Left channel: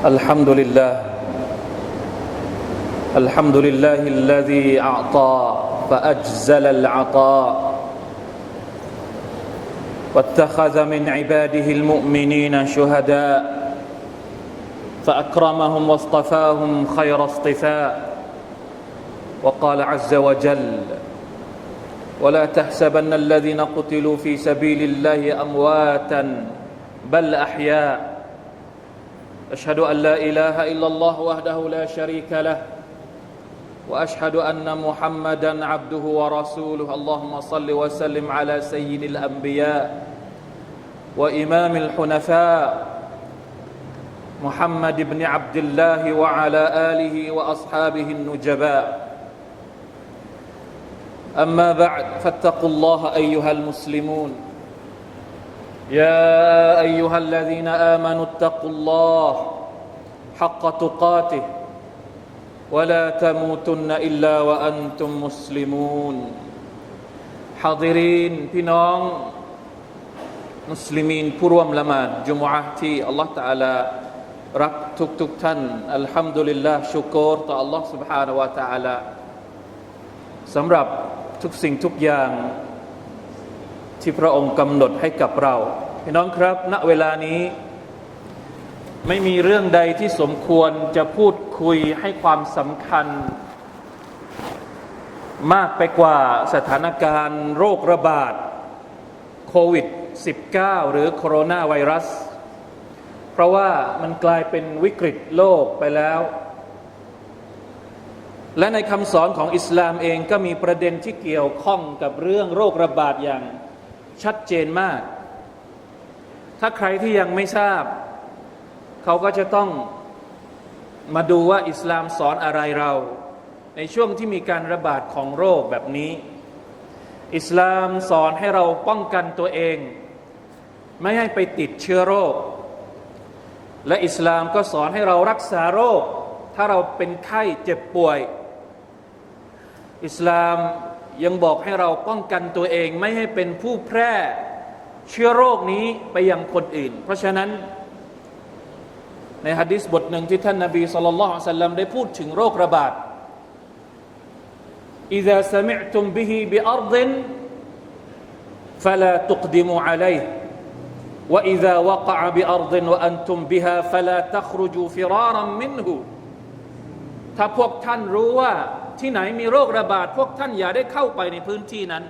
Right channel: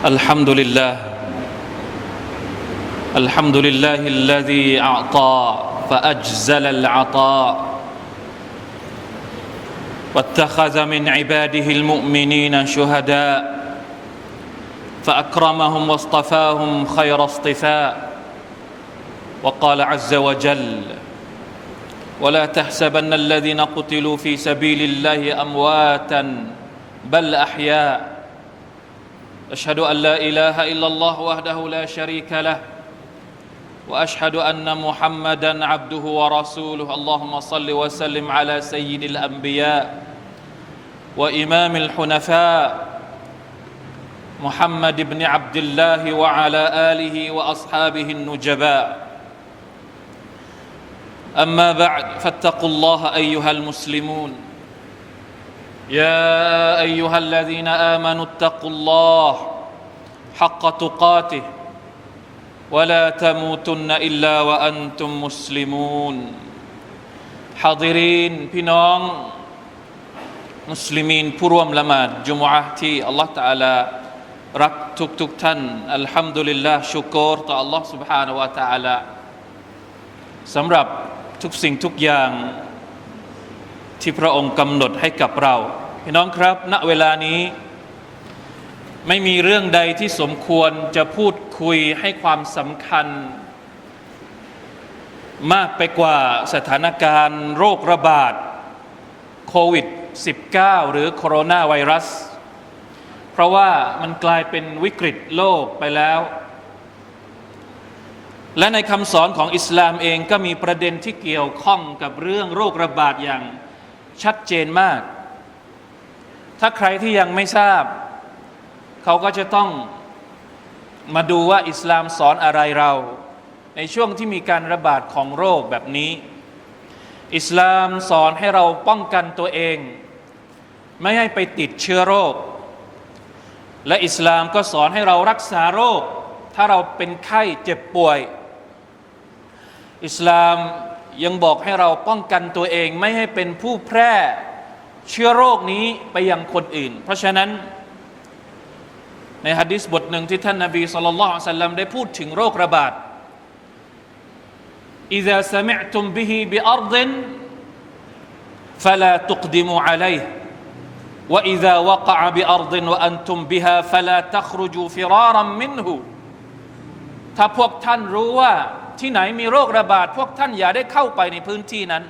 الحمد لله الحمد لله الذي أعطى فأجزل العطاء. واتخذ من عباده المؤمنين شهداء. فأكرمهم واصطفاهم خير اصطفاء. وقال عز وجل ولا تحسبن الذين قتلوا في سبيل الله أمواتا بل أحياء. أشهد أن لا إله إلا الله وحده لا شريك له وأشهد أن محمدا عبده ورسوله. اللهم صل وسلم على سيد الأنبياء وإمام الحنفاء محمد بن عبد الله وعلى آله وأصحابه النجباء. أما بعد فاتقوا الله أيها المسلمون. يا أيها الذين آمنوا اتقوا الله حق تقاته ولا تموتن إلا وأنتم مسلمون حاضرين พี่น้องมุสลิมีนผู้ร่วมละหมาดจุมอะห์ที่อัลลอฮฺตะอาลารักทุกทุกๆท่านอัลฮัมดุลิลลาห์ชุกรต่ออัลลอฮฺ سبحانه และ تعالى สำหรับทุกสิ่งทุกอย่าง ที่พระองค์กำหนดให้กับเรา พี่น้องครับ ณ เวลานี้ ไม่มีเรื่องใดที่สมควรจะพูดคุยให้ความสำคัญ มากไปกว่าสถานการณ์โรคระบาดโควิด -19 หรือโคโรนาไวรัส เพราะว่ามันกลายเป็นวิกฤตโลกไปแล้ว และในคำสอนของอิสลามเองก็มีประเด็นที่เกี่ยวข้องกับเรื่องโรคระบาดอย่าง ชัดเจนมาก ถ้าใครที่ยังไม่ทราบ เขาก็จะต้องมาดูว่าอิสลามสอนอะไรเรา ในช่วงที่มีการระบาดของโรคแบบนี้ อิสลามสอนให้เราป้องกันตัวเอง ไม่ให้ไปติดเชื้อโรค และอิสลามก็สอนให้เรารักษาโรค ถ้าเราเป็นไข้เจ็บป่วย อิสลาม ยังบอกให้เราป้องกันตัวเอง ไม่ให้เป็นผู้แพร่เชื้อโรคนี้ไปยังคนอื่น เพราะฉะนั้น ในฮะดิษบทหนึ่งที่ท่านนบีสุลต่านสัลลัมได้พูดถึงโรคระบาด إذا سمعتم به بأرض فلا تقدموا عليه وإذا وقع بأرض وأنتم بها فلا تخرجوا فرارا منه ถ้าพวกท่านรู้ว่า ที่ไหนมีโรคระบาด พวกท่านอย่าได้เข้าไปในพื้นที่นั้น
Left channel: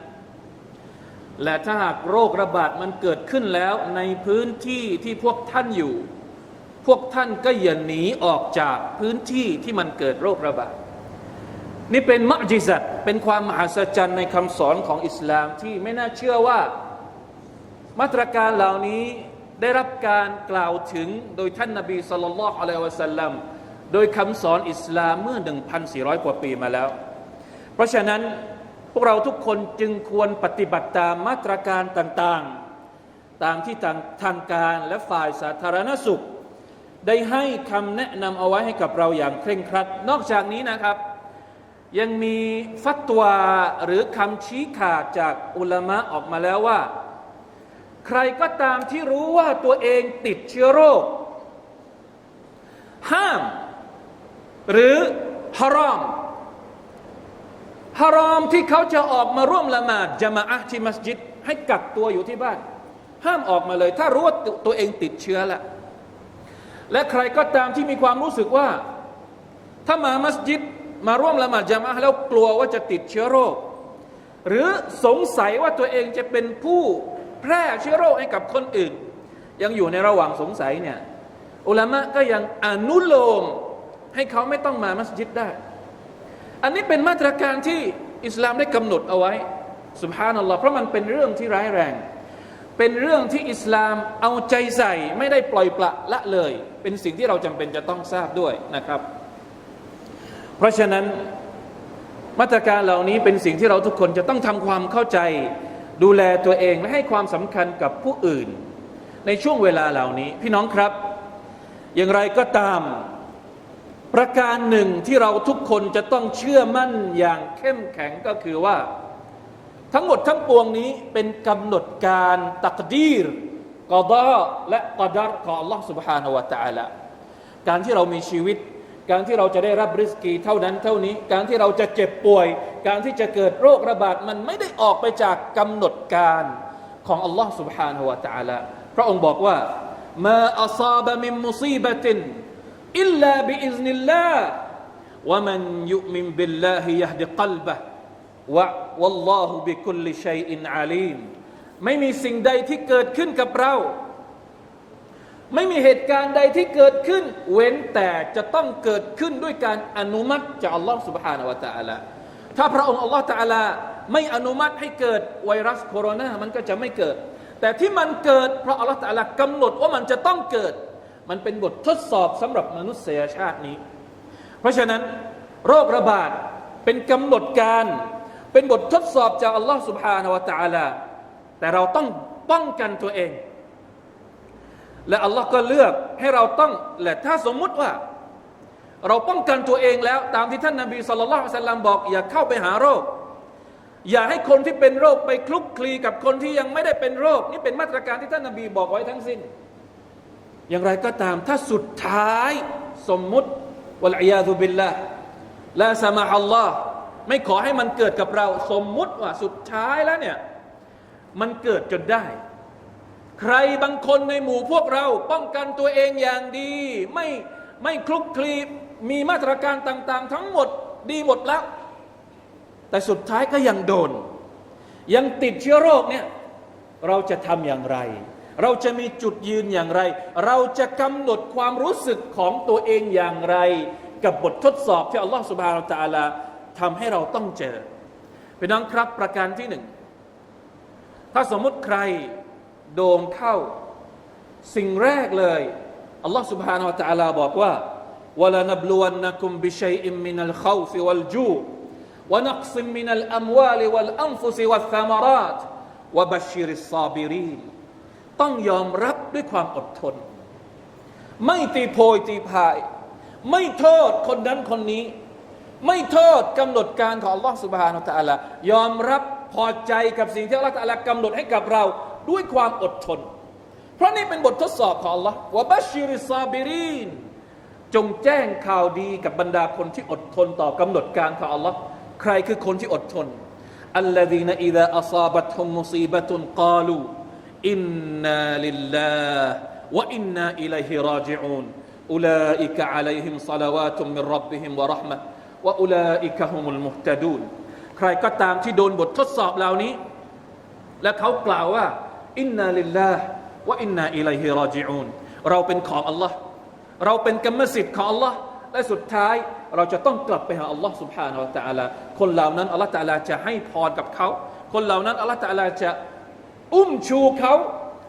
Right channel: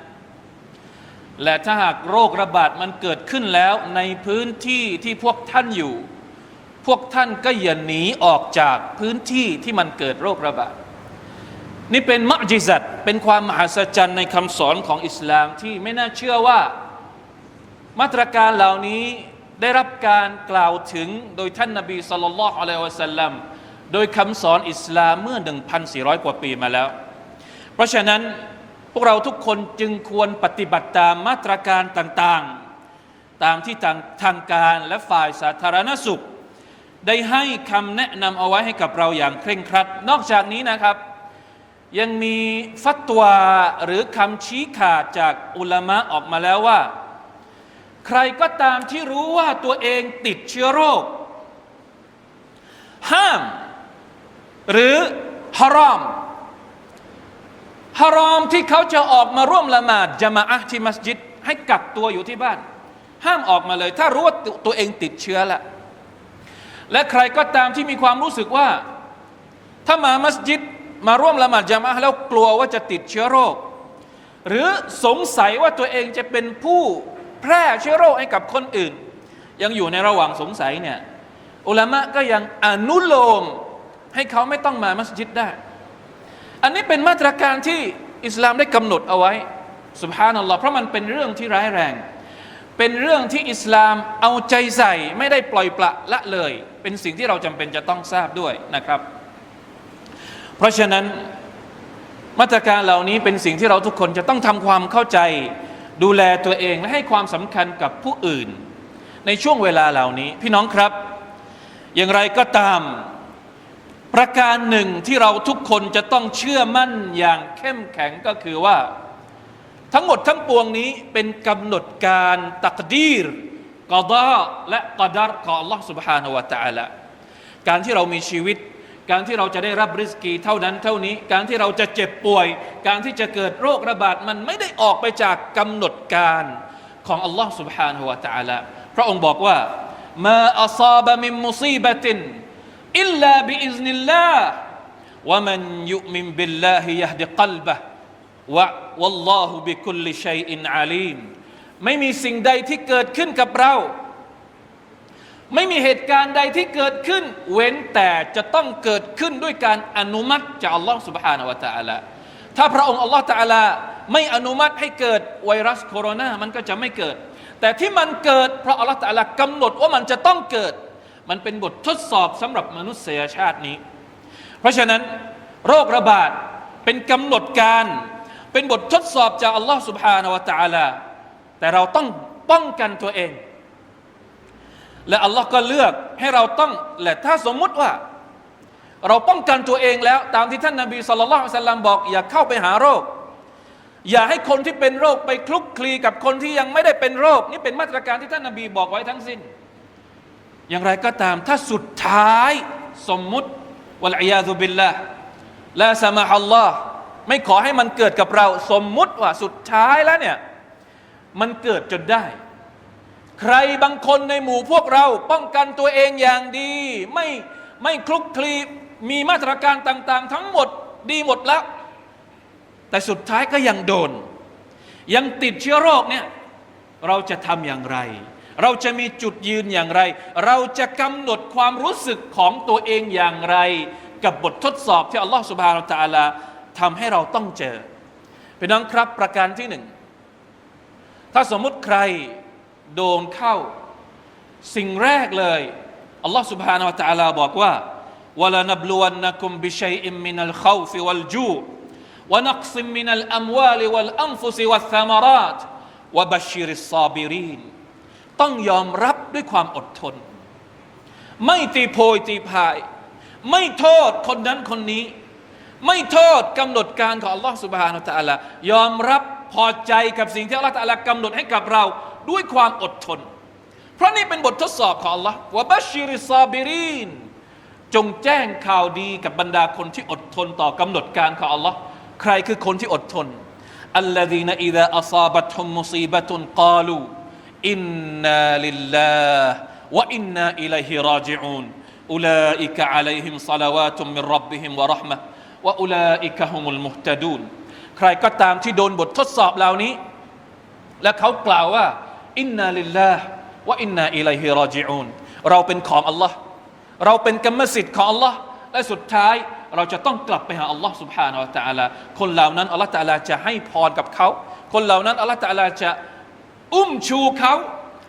และถ้าหากโรคระบาดมันเกิดขึ้นแล้วในพื้นที่ที่พวกท่านอยู่ พวกท่านก็อย่าหนีออกจากพื้นที่ที่มันเกิดโรคระบาด นี่เป็นมะจิซัตเป็นความมหัศจรรย์ในคำสอนของอิสลามที่ไม่น่าเชื่อว่า มาตรการเหล่านี้ได้รับการกล่าวถึงโดยท่านนาบีสุลต่านละอะลัยวะสัลลัม โดยคำสอนอิสลามเมื่อ 1,400 กว่าปีมาแล้ว เพราะฉะนั้นพวกเราทุกคนจึงควรปฏิบัติตามมาตรการต่างๆ ตามที่ทางทางการและฝ่ายสาธารณสุข ได้ให้คำแนะนำเอาไว้ให้กับเราอย่างเคร่งครัด นอกจากนี้นะครับ ยังมีฟัตวาหรือคำชี้ขาดจากอุลามะออกมาแล้วว่า ใครก็ตามที่รู้ว่าตัวเองติดเชื้อโรค ห้าม หรือฮารอมฮารอมที่เขาจะออกมาร่วมละหมาดจามะอะที่มัสยิด ให้กักตัวอยู่ที่บ้าน ห้ามออกมาเลย ถ้ารู้ว่าตัวเองติดเชื้อละและใครก็ตามที่มีความรู้สึกว่า ถ้ามามัสยิดมาร่วมละหมาดจามะแล้วกลัวว่าจะติดเชื้อโรค หรือสงสัยว่าตัวเองจะเป็นผู้แพร่เชื้อโรคให้กับคนอื่น ยังอยู่ในระหว่างสงสัยเนี่ยอุลามะก็ยังอนุโลม ให้เขาไม่ต้องมามัสยิดได้ อันนี้เป็นมาตรการที่อิสลามได้กำหนดเอาไว้สุบฮานัลลอฮ์เพราะมันเป็นเรื่องที่ร้ายแรง เป็นเรื่องที่อิสลามเอาใจใส่ไม่ได้ปล่อยปละละเลย เป็นสิ่งที่เราจำเป็นจะต้องทราบด้วยนะครับ เพราะฉะนั้นมาตรการเหล่านี้เป็นสิ่งที่เราทุกคนจะต้องทำความเข้าใจ ดูแลตัวเองและให้ความสำคัญกับผู้อื่น ในช่วงเวลาเหล่านี้ พี่น้องครับ อย่างไรก็ตาม ประการหนึ่งที่เราทุกคนจะต้องเชื่อมั่นอย่างเข้มแข็งก็คือว่า ทั้งหมดทั้งปวงนี้เป็นกำหนดการตักดีรกอดาและกอดัรของ Allah سبحانه และ تعالى การที่เรามีชีวิต การที่เราจะได้รับริสกีเท่านั้นเท่านี้ การที่เราจะเจ็บป่วย การที่จะเกิดโรคระบาดมันไม่ได้ออกไปจากกำหนดการของอัลลอฮ์ سبحانه และ تعالى พระองค์บอกว่ามาอัซาบะมินมุซีบะติน อิลลาบิอิซนิลลาห์วะมันยุมินบิลลาฮิยะฮดิกัลบะวะวัลลอฮุบิคุลลิชัยอินอาลีมไม่มีสิ่งใดที่เกิดขึ้นกับเรา ไม่มีเหตุการณ์ใดที่เกิดขึ้น เว้นแต่จะต้องเกิดขึ้นด้วยการอนุมัติจากอัลลอฮ์ سبحانه และ تعالى ถ้าพระองค์อัลลอฮ์ تعالى ไม่อนุมัติให้เกิดไวรัสโคโรนา มันก็จะไม่เกิด แต่ที่มันเกิดเพราะอัลลอฮ์ تعالى กำหนดว่ามันจะต้องเกิด มันเป็นบททดสอบสำหรับมนุษยชาตินี้ เพราะฉะนั้น โรคระบาดเป็นกำหนดการ เป็นบททดสอบจากอัลลอฮ์สุบฮานาวะตาลาแต่เราต้องป้องกันตัวเอง และอัลลอฮ์ก็เลือกให้เราต้องและถ้าสมมุติว่า เราป้องกันตัวเองแล้ว ตามที่ท่านนาบีสุลต่านสัลลัมบอก อย่าเข้าไปหาโรค อย่าให้คนที่เป็นโรคไปคลุกคลีกับคนที่ยังไม่ได้เป็นโรค นี่เป็นมาตรการที่ท่านนาบีบอกไว้ทั้งสิ้น อย่างไรก็ตาม ถ้าสุดท้ายสมมุติวะลัยยาตุบิลละละสมาฮัลลอฮ์ไม่ขอให้มันเกิดกับเรา สมมุติว่าสุดท้ายแล้วเนี่ย มันเกิดจนได้ ใครบางคนในหมู่พวกเราป้องกันตัวเองอย่างดี ไม่ไม่คลุกคลีมีมาตรการต่างๆ ทั้งหมดดีหมดแล้วแต่สุดท้ายก็ยังโดน ยังติดเชื้อโรคเนี่ยเราจะทำอย่างไร เราจะมีจุดยืนอย่างไร เราจะกำหนดความรู้สึกของตัวเองอย่างไร กับบททดสอบที่อัลลอฮฺสุบฮานาตะอาลาทำให้เราต้องเจอพี่น้องครับประการที่หนึ่ง ถ้าสมมุติใครโดนเข้า สิ่งแรกเลยอัลลอฮ์ سبحانه และ تعالى บอกว่า وَلَنَبْلُوَنَّكُمْ بِشَيْءٍ مِّنَ الْخَوْفِ وَالْجُوعِ وَنَقْصٍ مِّنَ الْأَمْوَالِ وَالْأَنفُسِ وَالثَّمَرَاتِ وَبَشِّرِ الصَّابِرِينَ ต้ องยอมรับด้วยความอดทน ไม่ตีโพยตีพาย ไม่โทษคนนั้นคนนี้ ไม่โทษกำหนดการของ Allah سبحانه และ تعالى ยอมรับพอใจกับสิ่งที่ Allah تعالى กำหนดให้กับเราด้วยความอดทน เพราะนี่เป็นบททดสอบของ Allah วะบัชชิริซาบิรีน จงแจ้งข่าวดีกับบรรดาคนที่อดทนต่อกำหนดการของ Allah ใครคือคนที่อดทน อัลลดีนอิดะอัซาบัตฮุมมุซีบะตุนกาลู อินนาลิลลาห์วะอินนาอิลัยฮิราจิอูนอุลาอิกะอะลัยฮิมศะลาวาตุมมินรับบิฮิมวะเราะห์มะห์วะอุลาอิกะฮุมุลมุฮตะดูนใครก็ตามที่โดนบททดสอบเหล่านี้ และเขากล่าวว่า อินนาลิลลาห์วะอินนาอิลัยฮิราจิอูนเราเป็นของอัลลอฮ์เราเป็นกรรมสิทธิ์ของอัลลอฮ์และสุดท้ายเราจะต้องกลับไปหาอัลลอฮ์ سبحانه และ تعالى คนเหล่านั้นอัลลอฮ์ تعالى จะให้พรกับเขา คนเหล่านั้นอัลลอฮ์ تعالى จะ อุ้มชูเขา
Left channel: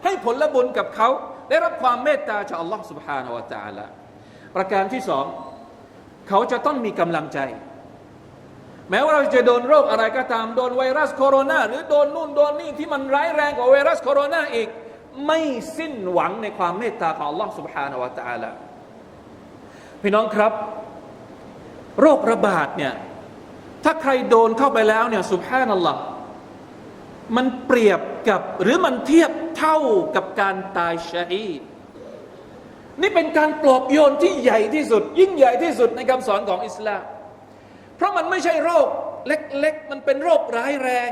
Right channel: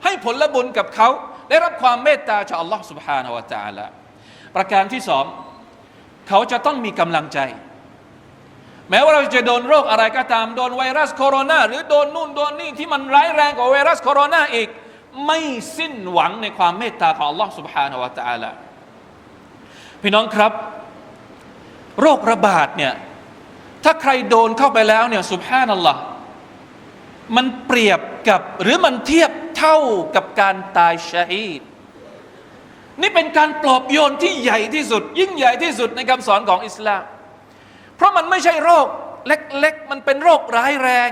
ให้ผลบุญกับเขา ได้รับความเมตตาจากอัลลอฮ์ سبحانه และ تعالى ประการที่สองเขาจะต้องมีกำลังใจ แม้ว่าเราจะโดนโรคอะไรก็ตาม โดนไวรัสโคโรนาหรือโดนนู่นโดนนี่ที่มันร้ายแรงกว่าไวรัสโคโรนาอีก ไม่สิ้นหวังในความเมตตาของ Allah سبحانه และ تعالى พี่น้องครับ โรคระบาดเนี่ยถ้าใครโดนเข้าไปแล้วเนี่ยสุภานัลลอฮ์มันเปรียบ กับหรือมันเทียบเท่ากับการตายชาฮีดนี่เป็นการปลอบโยนที่ใหญ่ที่สุด ยิ่งใหญ่ที่สุดในคำสอนของอิสลาม เพราะมันไม่ใช่โรคเล็กๆ มันเป็นโรคร้ายแรง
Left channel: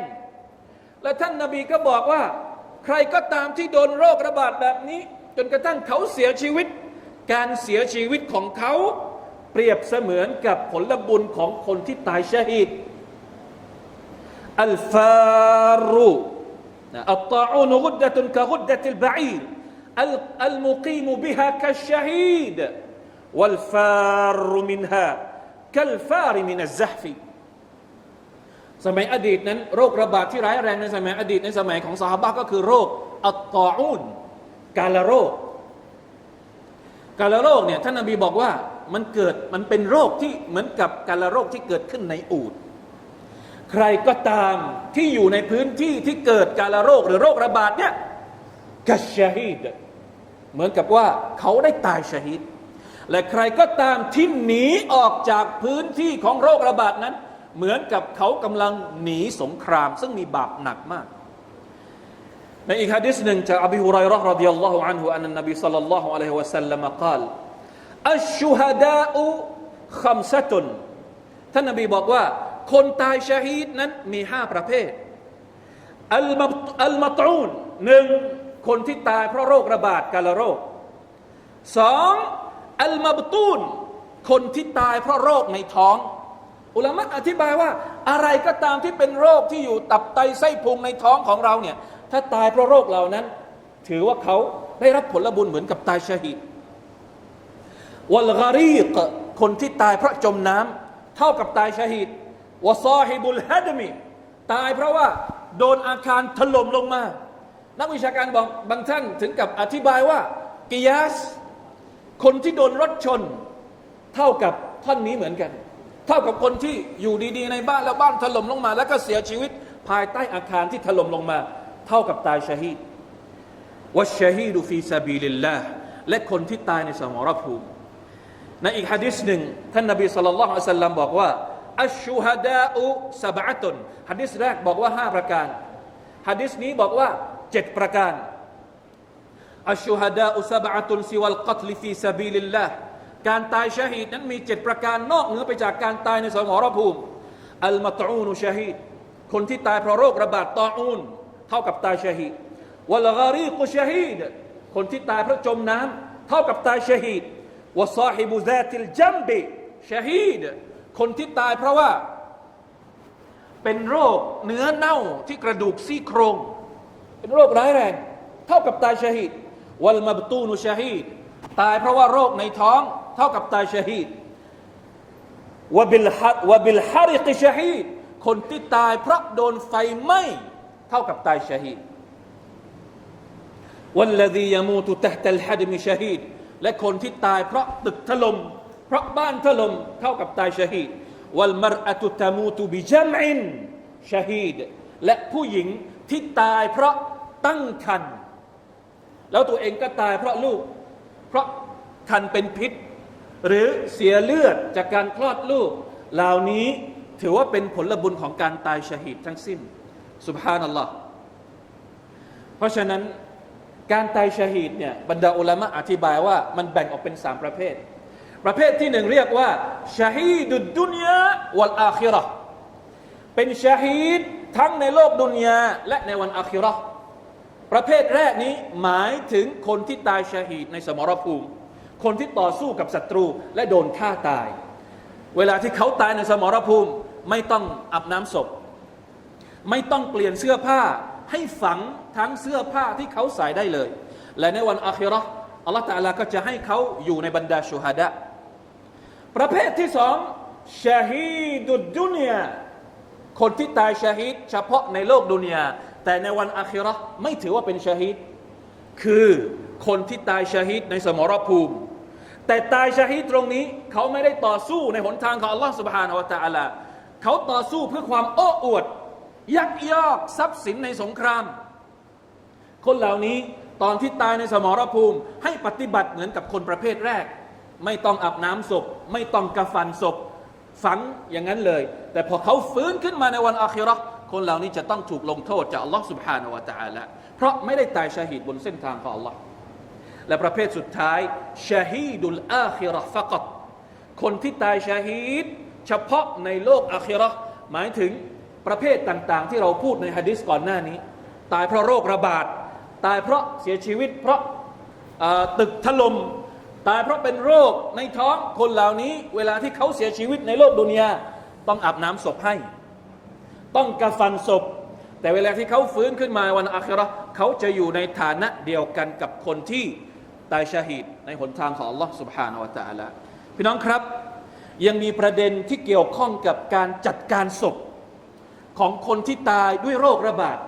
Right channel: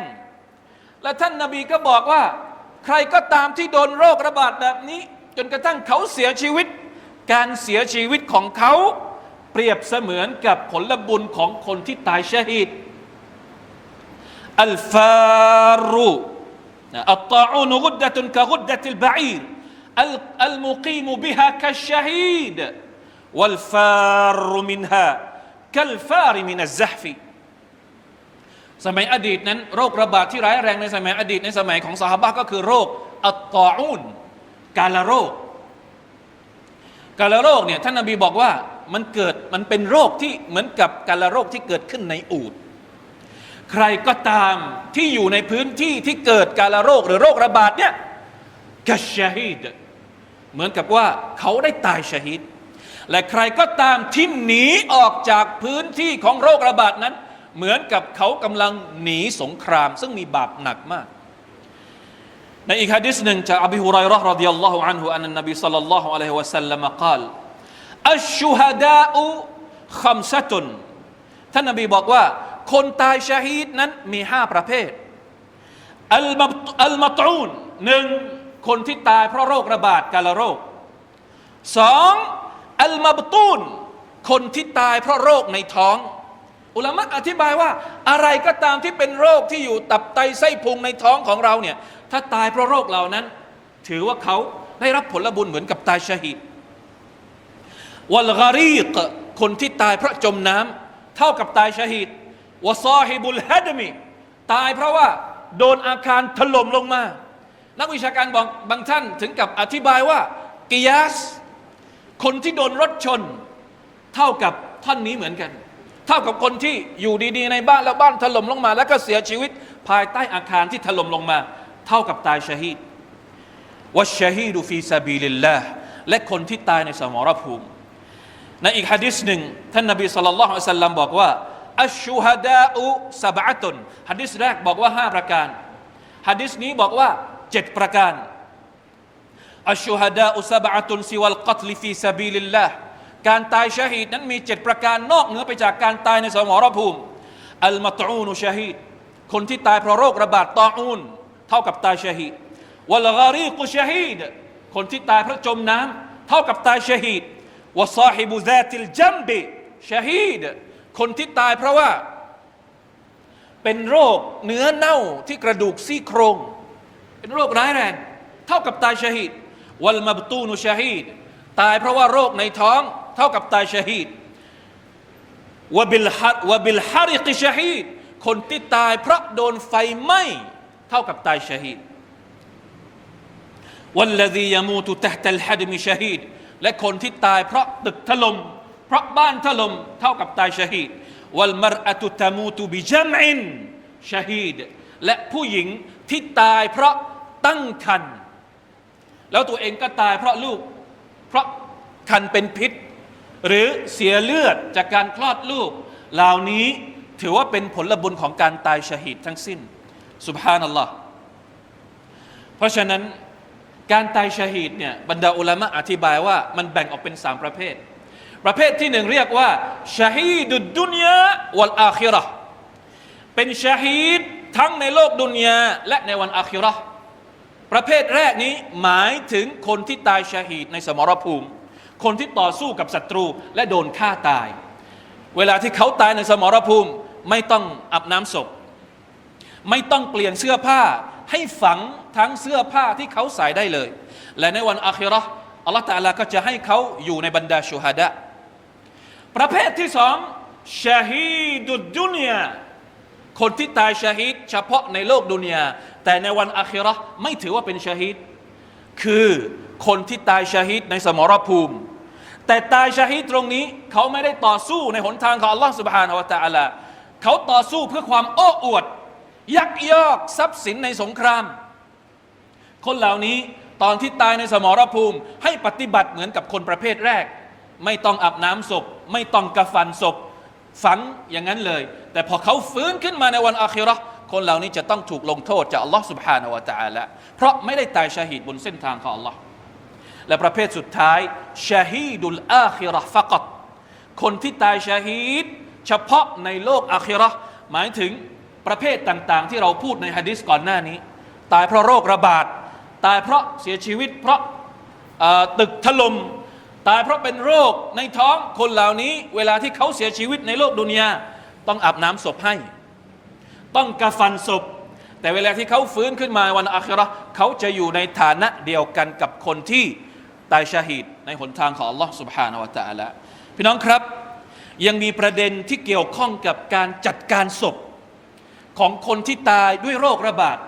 และท่านนาบีก็บอกว่า ใครก็ตามที่โดนโรคระบาดแบบนี้ จนกระทั่งเขาเสียชีวิต การเสียชีวิตของเขาเปรียบเสมือนกับผลบุญของคนที่ตายชาฮิดอัลฟารุ อัตตาอูนกุดดะตุนกะกุดดะติลบะอีรอัลมุกีมบิฮะกัชชาฮีด والفار منها กัลฟาริมินัซซฮฟีสมัยอดีตนั้น โรคระบาดที่ร้ายแรงในสมัยอดีตในสมัยของสหบะก็คือโรคอัตตาอูนกาลโรค กาลโรคเนี่ยท่านนบีบอกว่ามันเกิดมันเป็นโรคที่เหมือนกับกาลโรคที่เกิดขึ้นในอูด ใครก็ตามที่อยู่ในพื้นที่ที่เกิดกาลโรคหรือโรคระบาดเนี่ยกัชาฮีดเหมือนกับว่าเขาได้ตายชาฮิดและใครก็ตามที่หนีออกจากพื้นที่ของโรคระบาดนั้น เหมือนกับเขากำลังหนีสงคราม ซึ่งมีบาปหนักมาก ในอีกฮะดิษหนึ่งจากอบีฮุไรเราะห์รดิยัลลอฮุอันฮุอันนบีสัลลัลลอฮุอะลัยฮิวะสัลลัมกล่าวอัชชูฮดาอุคัมซะตุนท่านนบีบอกว่า คนตายชาฮีดนั้นมีห้าประเภท อัลมาอัลมาตูนหนึ่งคนที่ตายเพราะโรคระบาดกาลโรคสองอัลมาบตูนคนที่ตายเพราะโรคในท้อง อุลามะอธิบายว่าอะไรก็ตามที่เป็นโรคที่อยู่ตับไตไส้พุงในท้องของเราเนี่ยถ้าตายเพราะโรคเหล่านั้น ถือว่าเขาได้รับผลบุญเหมือนกับตายชาฮิดวัลการีกคนที่ตายเพราะจมน้ำเท่ากับตายชาฮิด วะซอฮิบุลฮัดมีตายเพราะว่าโดนอาคารถล่มลงมา นักวิชาการบอกบางท่านถึงกับอธิบายว่ากิยาส คนที่โดนรถชน เท่ากับท่อนนี้เหมือนกัน เท่ากับคนที่อยู่ดีๆในบ้านแล้วบ้านถล่มลงมา แล้วก็เสียชีวิตภายใต้อาคารที่ถล่มลงมา เท่ากับตายชฮีดวัชฮีดูฟีซาบีลิลลาห์และคนที่ตายในสมรภูมิในอีกฮะดิษหนึ่งท่านนบีสุลต่านละฮ์อัลลัมบอกว่า อัชชูฮดาอุสบะตุนฮะดิษแรกบอกว่าห้าประการฮะดิษนี้บอกว่าเจ็ดประการอัชชูฮดาอุสบะตุนซิวัลกัตลิฟีซาบีลิลลาห์การตายชาฮีดนั้นมีเจ็ดประการนอกเหนือไปจากการตายในสมรภูมิอัลมัตอูนุชาฮีดคนที่ตายเพราะโรคระบาดตออูนเท่ากับตายชาฮีดวัลการีกุชาฮีดคนที่ตายเพราะจมน้ำเท่ากับตายชาฮีดวซาฮิบุซาติลจัมบิชาฮีด คนที่ตายเพราะว่าเป็นโรคเนื้อเน่าที่กระดูกซี่โครง เป็นโรคร้ายแรง เท่ากับตายชหิดวัลมาบตูนุชหิดตายเพราะว่าโรคในท้อง เท่ากับตายชหิดวบิลฮัดวบิลฮาริกิชหิดคนที่ตายเพราะโดนไฟไหม้เท่ากับตายชหิดวัลลดียามูตุตะตัลฮัดมิชหิดและคนที่ตายเพราะตึกถล่ม เพราะบ้านถล่มเท่ากับตายชาฮีดวัลมรอะตุตามูตุบิจัมอินชาฮีดและผู้หญิงที่ตายเพราะตั้งครรภ์แล้วตัวเองก็ตายเพราะลูก เพราะคันเป็นพิษ หรือเสียเลือดจากการคลอดลูก เหล่านี้ถือว่าเป็นผลบุญของการตายชาฮีดทั้งสิ้นสุบฮานัลลอฮ์เพราะฉะนั้นการตายชาฮีดเนี่ยบรรดาอุลามะอธิบายว่ามันแบ่งออกเป็นสามประเภท ประเภทที่หนึ่งเรียกว่าชาฮีดุดดุนยาวัลอาคิราะเป็นชาฮีดทั้งในโลกดุนยาและในวันอาคิราะประเภทแรกนี้หมายถึงคนที่ตายชาฮีดในสมรภูมิ คนที่ต่อสู้กับศัตรูและโดนฆ่าตาย เวลาที่เขาตายในสมรภูมิไม่ต้องอาบน้ำศพ ไม่ต้องเปลี่ยนเสื้อผ้าให้ฝังทั้งเสื้อผ้าที่เขาใส่ได้เลย และในวันอาคิราะห์อัลลอฮฺตาลาก็จะให้เขาอยู่ในบรรดาชูฮดะ ประเภทที่สองชาฮีดุดดุนยาคนที่ตายชาฮีดเฉพาะในโลกดุนยาแต่ในวันอาคิราไม่ถือว่าเป็นชาฮีดคือคนที่ตายชาฮีดในสมรภูมิ แต่ตายชาฮีดตรงนี้ เขาไม่ได้ต่อสู้ในหนทางของอัลลอฮฺสุบฮานอัลตะอาลาเขาต่อสู้เพื่อความโอ้อวด ยักยอกทรัพย์สินในสงคราม คนเหล่านี้ตอนที่ตายในสมรภูมิ ให้ปฏิบัติเหมือนกับคนประเภทแรก ไม่ต้องอาบน้ำศพ ไม่ต้องกระฟันศพ ฝังอย่างนั้นเลย แต่พอเขาฟื้นขึ้นมาในวันอาคิรักคนเหล่านี้จะต้องถูกลงโทษจากอัลลอฮ์สุบฮานาวะตาละเพราะไม่ได้ตายชาฮีดบนเส้นทางของอัลลอฮ์และประเภทสุดท้ายชาฮีดุลอาคิรักฟักตคนที่ตายชาฮีดเฉพาะในโลกอาคิรักหมายถึงประเภทต่าง ๆ ที่เราพูดในฮะดิษก่อนหน้านี้ ตายเพราะโรคระบาด ตายเพราะเสียชีวิต เพราะตึกถล่ม ตายเพราะเป็นโรคในท้องคนเหล่านี้ เวลาที่เขาเสียชีวิตในโลกดุนยาต้องอาบน้ำศพให้ ต้องกระฟันศพ แต่เวลาที่เขาฟื้นขึ้นมาวันอาคิเราะห์เขาจะอยู่ในฐานะเดียวกันกับคนที่ตายชาฮีดในหนทางของ Allah سبحانه และ تعالى พี่น้องครับ ยังมีประเด็นที่เกี่ยวข้องกับการจัดการศพ ของคนที่ตายด้วยโรคระบาด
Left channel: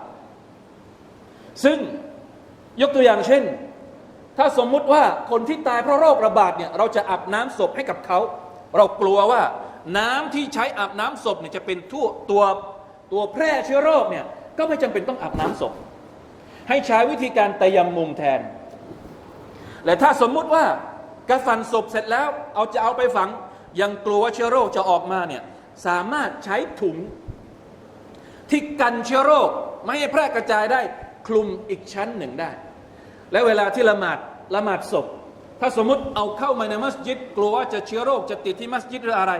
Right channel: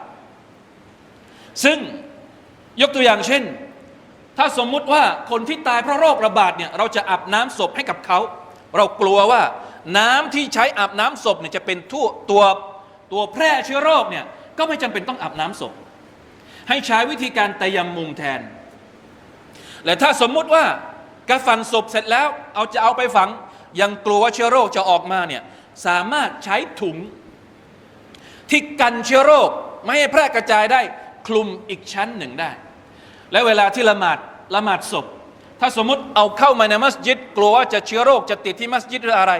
ซึ่งยกตัวอย่างเช่น ถ้าสมมุติว่าคนที่ตายเพราะโรคระบาดเนี่ยเราจะอาบน้ำศพให้กับเขา เรากลัวว่าน้ำที่ใช้อาบน้ำศพเนี่ยจะเป็นทั่วตัวตัวแพร่เชื้อโรคเนี่ยก็ไม่จำเป็นต้องอาบน้ำศพ ให้ใช้วิธีการตยำมุมแทน และถ้าสมมุติว่ากระฟันศพเสร็จแล้ว เอาจะเอาไปฝัง ยังกลัวว่าเชื้อโรคจะออกมาเนี่ยสามารถใช้ถุงที่กันเชื้อโรค ไม่ให้แพร่กระจายได้คลุมอีกชั้นหนึ่งได้ และเวลาที่ละหมาด ละหมาดศพ ถ้าสมมุติเอาเข้ามาในมัสยิด กลัวว่าจะเชื้อโรคจะติดที่มัสยิดหรืออะไร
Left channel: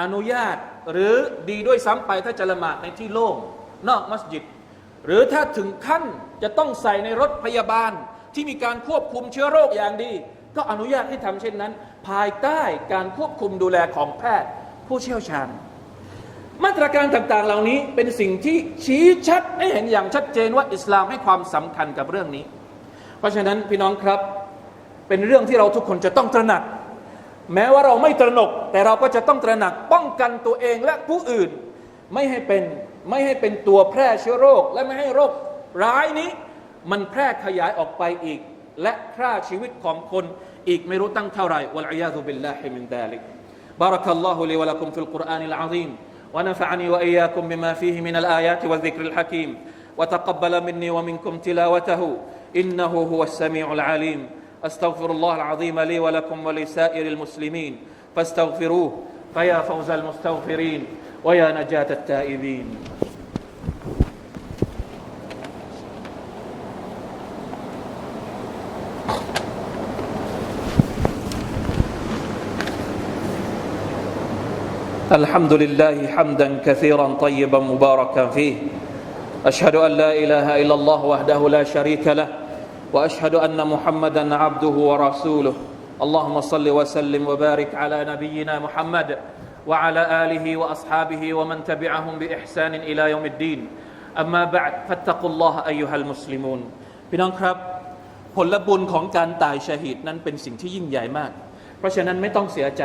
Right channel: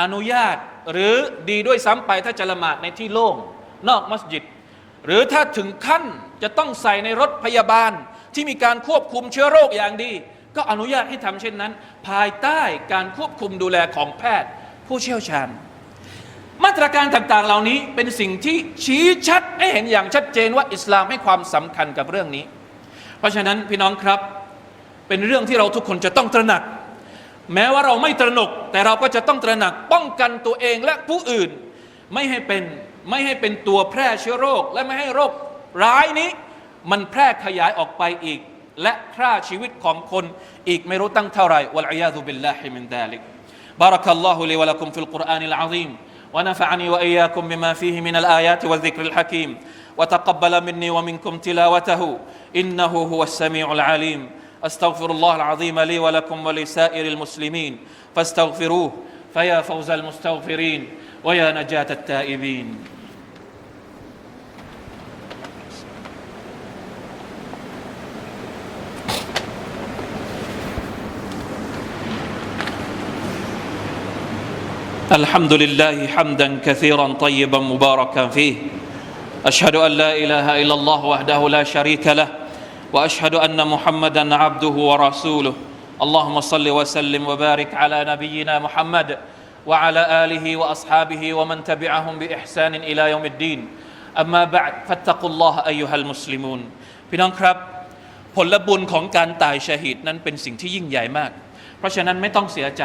อนุญาตหรือดีด้วยซ้ำไปถ้าจะละหมาดในที่โล่งนอกมัสยิด หรือถ้าถึงขั้นจะต้องใส่ในรถพยาบาลที่มีการควบคุมเชื้อโรคอย่างดี ก็อนุญาตให้ทำเช่นนั้น ภายใต้การควบคุมดูแลของแพทย์ ผู้เชี่ยวชาญ มาตรการต่างๆ เหล่านี้เป็นสิ่งที่ชี้ชัดให้เห็นอย่างชัดเจนว่าอิสลามให้ความสำคัญกับเรื่องนี้ เพราะฉะนั้นพี่น้องครับ เป็นเรื่องที่เราทุกคนจะต้องตระหนัก แม้ว่าเราไม่ตระหนก แต่เราก็จะต้องตระหนักป้องกันตัวเองและผู้อื่น ไม่ให้เป็นไม่ให้เป็นตัวแพร่เชื้อโรค และไม่ให้โรคร้ายนี้ มันแพร่ขยายออกไปอีก และฆ่าชีวิตของคนอีกไม่รู้ตั้งเท่าไหร่วะลัยยาตุบิลลาฮิมินดาลิก بارك الله لي ولكم في القرآن العظيم ونفعني وإياكم بما فيه من الآيات والذكر الحكيم وتقبل مني ومنكم تلاوته إنه هو السميع العليم أستغفر الله العظيم لي ولكم ولسائر المسلمين فاستغفروه فيا فوز المستغفرين ويا نجاة التائبين. الحمد لله حمدا كثيرا طيبا مباركا فيه. أشهد أن لا إله إلا الله وحده لا شريك له. واشهد ان محمدا عبده ورسوله اللهم صل وسلم وبارك على نبينا محمد وعلى اله واصحابه ومن تبعهم باحسان الى يوم الدين اما بعد فاتقوا الله ايها المسلمون พี่น้องครับ ผลบุญของการตายชาฮิดนั้นเป็นสิ่งที่ยิ่งใหญ่มาก เพราะฉะนั้นไม่ต้องเสียใจ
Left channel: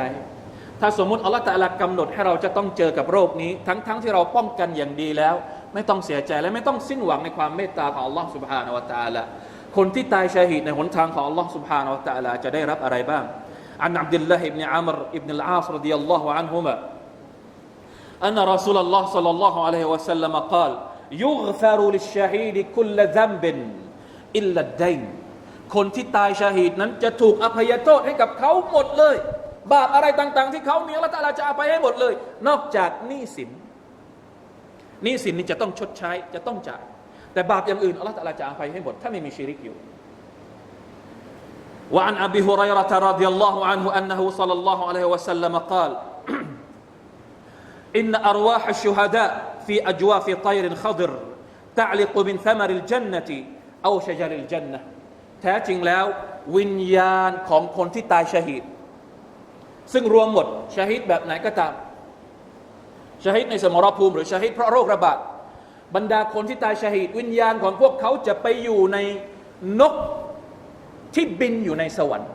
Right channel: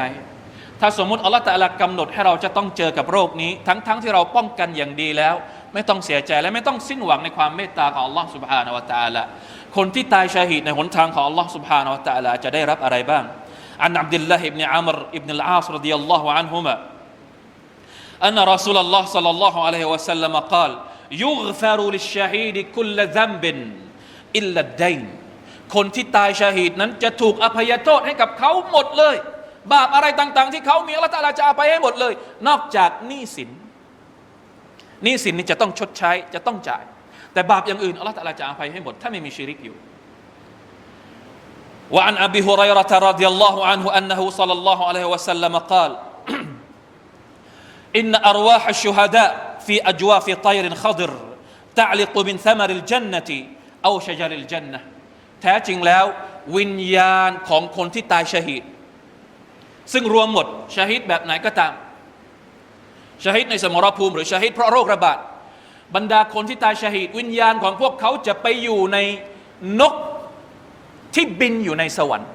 ถ้าสมมติอัลลอฮฺตะอาลากำหนดให้เราจะต้องเจอกับโรคนี้ ทั้งๆทที่เราป้องกันอย่างดีแล้ว ไม่ต้องเสียใจและไม่ต้องสิ้นหวังในความเมตตาของอัลลอฮฺสุบฮานาวะตะอาลา คนที่ตายชาฮิดในหนทางของอัลลอฮฺสุบฮานาวะตะอาลาจะได้รับอะไรบ้างอันอับดุลลาฮ์อิบเนอัมรอิบนุลอาสรดิยัลลอฮุอันฮุมะ أن رسول الله صلى الله عليه وسلم قال يغفر للشهيد كل ذنب إلا الدين คนที่ตายชาฮิดนั้นจะถูกอภัยโทษให้กับเขาหมดเลย บาปอะไรต่างๆ ที่เขามีอัลลอฮฺตะอาลาจะอภัยให้หมดเลย นอกจากหนี้สินหนี้สินนี่จะต้องชดใช้จะต้องจ่าย แต่บาปอย่างอื่นอัลลอฮฺตะอาลาจะอภัยให้หมดถ้าไม่มีชิริกอยู่ وعن أبي هريرة رضي الله عنه أنه صلى الله عليه وسلم قال إن أرواح الشهداء في أجواف طير خضر تعلق من ثمر الجنة أو شجر الجنة แท้จริงแล้ว วิญญาณของคนที่ตายชาฮิดซึ่งรวมหมดชาฮิดแบบไหนก็ตามชาฮิดในสมรภูมิหรือชาฮิดเพราะโรคระบาด บรรดาคนที่ตายชาฮิดวิญญาณของพวกเขาจะไปอยู่ในนกที่บินอยู่ในสวรรค์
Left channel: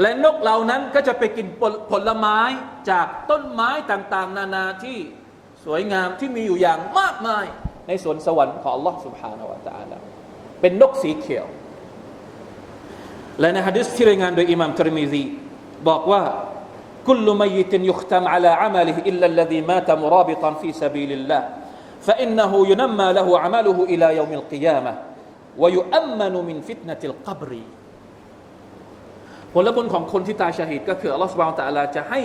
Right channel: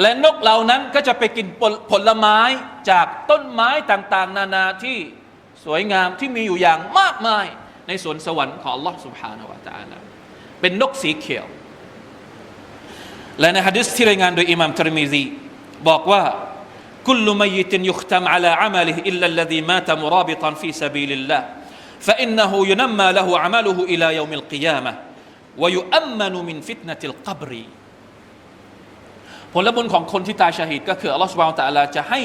และนกเหล่านั้นก็จะไปกินผลผลไม้จากต้นไม้ต่างๆ นานาที่สวยงามที่มีอยู่อย่างมากมายในสวนสวรรค์ของ Allah سبحانه และ تعالى เป็นนกสีเขียว และในฮะดิษที่รายงานโดยอิหม่ามทรมิซีบอกว่า كل ميت يختم على عمله إلا الذي مات مرابطا في سبيل الله فإنه ينمى له عمله إلى يوم القيامة ويؤمن من فتنة القبر ผลบุญของคนที่ตายชาฮิดก็คืออัลลอฮฺสุบฮานตะอาลาจะให้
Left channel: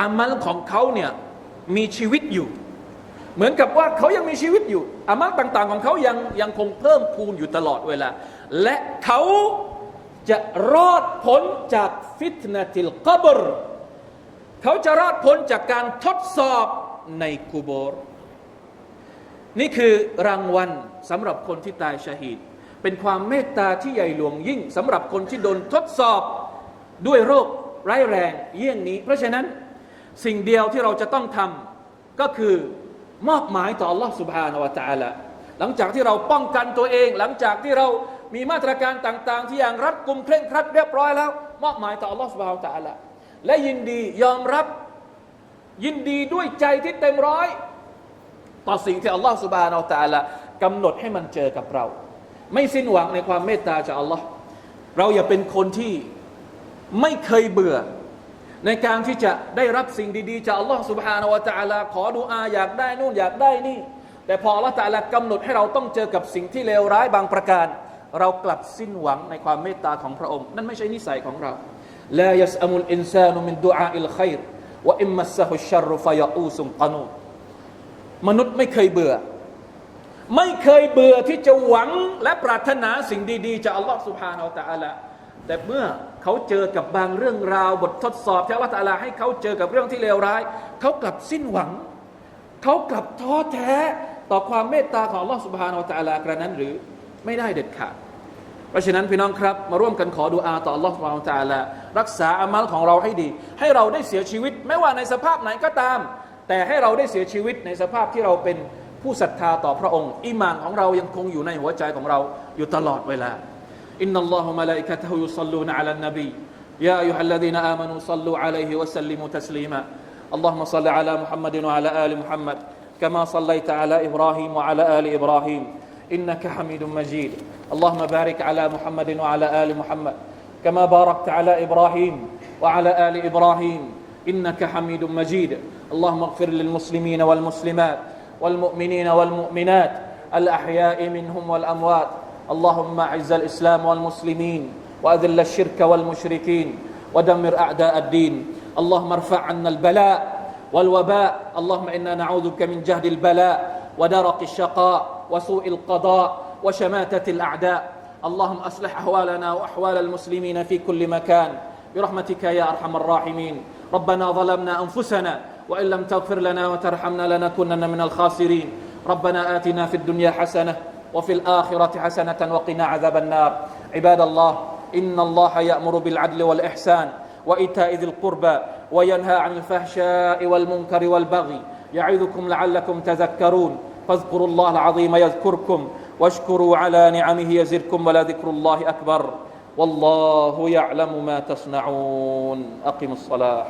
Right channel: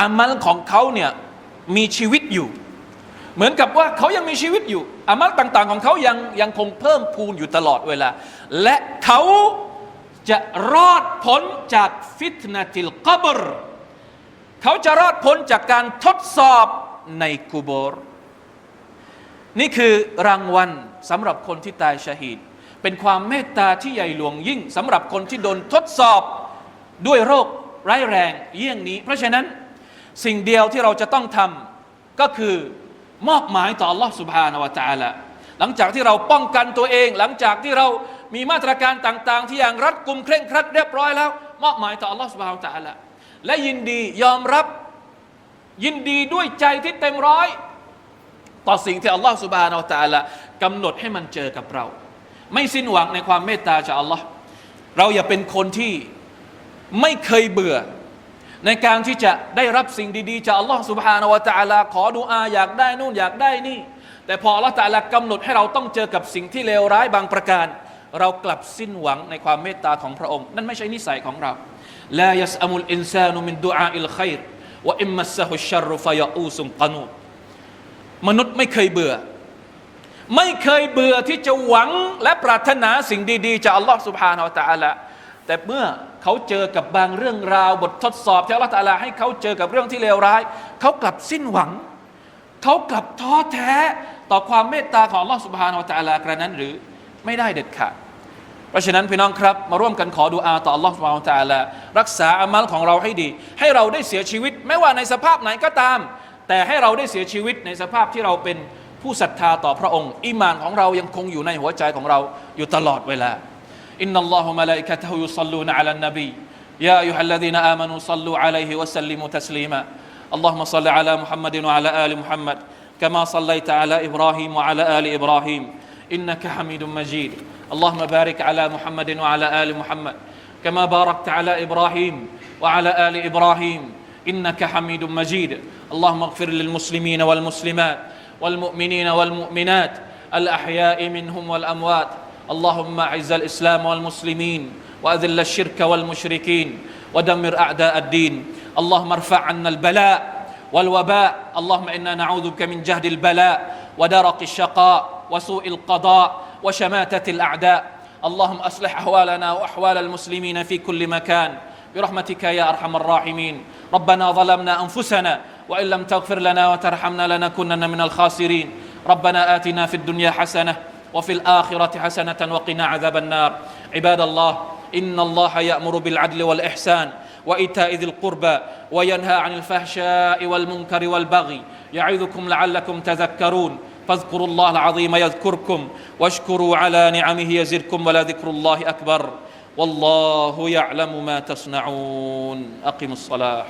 อามัลของเขาเนี่ยมีชีวิตอยู่ เหมือนกับว่าเขายังมีชีวิตอยู่ อามัลต่าง ๆ ของเขายังยังคงเพิ่มพูนอยู่ตลอดเวลา และเขาจะรอดพ้นจากฟิตนาติลกับร เขาจะรอดพ้นจากการทดสอบในกุโบร นี่คือรางวัลสำหรับคนที่ตายชาฮิด เป็นความเมตตาที่ใหญ่หลวงยิ่งสำหรับคนที่โดนทดสอบด้วยโรคร้ายแรงเยี่ยงนี้ เพราะฉะนั้นสิ่งเดียวที่เราจะต้องทำก็คือมอบหมายต่อ Allah سبحانه และ تعالى หลังจากที่เราป้องกันตัวเอง หลังจากที่เรามีมาตรการต่าง ๆ ที่อย่างรัดกุมเคร่งครัดเรียบร้อยแล้ว มอบหมายต่อ Allah سبحانه และ تعالى และยินดียอมรับยินดีด้วยใจที่เต็มร้อย ต่อสิ่งที่อัลลอฮฺสุบฮานอัลตาลากำหนดให้มันเจอกับเรา ไม่สิ้นหวังในความเมตตาจากอัลลอฮ์เราอย่าเป็นคนที่ไม่เคยเบื่อ ในการที่จะได้รับสิ่งดี ๆ จากอัลลอฮ์สุบฮานาวะตาลาขอดูอาอยากได้นู่นอยากได้นี่ แต่พออัลลอฮ์ตะอาลากำหนดให้เราต้องเจอกับสิ่งที่เลวร้ายบางประการ เรากลับสิ้นหวังในความเมตตาของพระองค์ นั่นไม่ใช่นิสัยของเราลายัสอมุลอินซานุมินดุอาอิลขัยร์วอิมมัสซะฮุชชัรุฟะยะอูซุมกานู มนุษย์ไม่เคยเบื่อ ไม่เคยเบื่อที่จะหวังและปรารถนาสิ่งดี ๆ จากอัลลอฮ์สุบฮานาอัลตะอาละแต่เมื่อเขาเจอกับบางเรื่องราว บททดสอบที่อัลลอฮ์ตะอาลาให้เขาเจอกับเรื่องที่เลวร้าย เขากลับสิ้นหวัง เขากลับท้อแท้ต่อความเมตตาของอัลลอฮ์สุบฮานาอัลตะอาลากระนั้นหรือไม่ได้เด็ดขาดเพราะฉะนั้นพี่น้องครับมาร่วมกันขอดูอาต่อ Allah เรารักษาอามัลของเราให้ดี ให้เราได้เสียชีวิต ไม่ว่าในสภาพไหนก็ตาม แต่ให้เราได้เสียชีวิตในสภาพที่เราเป็นผู้ศรัทธาต่อพระองค์อิมานของเรายังคงอยู่ในหัวใจของเราอยู่ตลอดเวลา إن الله وملائكته يصلون على النبي يا أيها الذين آمنوا صلوا عليه وسلموا تسليما اللهم صل على محمد وعلى آل محمد كما صليت على إبراهيم وعلى آل إبراهيم إنك حميد مجيد اللهم بارك على محمد وعلى آل محمد كما باركت على إبراهيم وعلى آل إبراهيم إنك حميد مجيد اللهم اغفر للمسلمين والمسلمات والمؤمنين والمؤمنات الأحياء منهم والأموات. اللهم أعز الإسلام والمسلمين وأذل الشرك والمشركين ودمر أعداء الدين. اللهم ارفع عنا البلاء والوباء. اللهم إنا نعوذ بك من جهد البلاء ودرق الشقاء وسوء القضاء وشماتة الأعداء. اللهم أصلح أحوالنا وأحوال المسلمين في كل مكان. برحمتك يا أرحم الراحمين. ربنا ظلمنا أنفسنا وإن لم تغفر لنا وترحمنا لنكونن من الخاسرين. ربنا آتنا في الدنيا حسنة وفي الآخرة حسنة وقنا عذاب النار. عباد الله إن الله يأمر بالعدل والإحسان وإيتاء ذي القربى وينهى عن الفحشاء والمنكر والبغي. يعظكم لعلكم تذكرون. فاذكروا الله العظيم يذكركم واشكروا على نعمه يزدكم ولذكر الله أكبر. والله يعلم ما تصنعون. أقم الصلاة.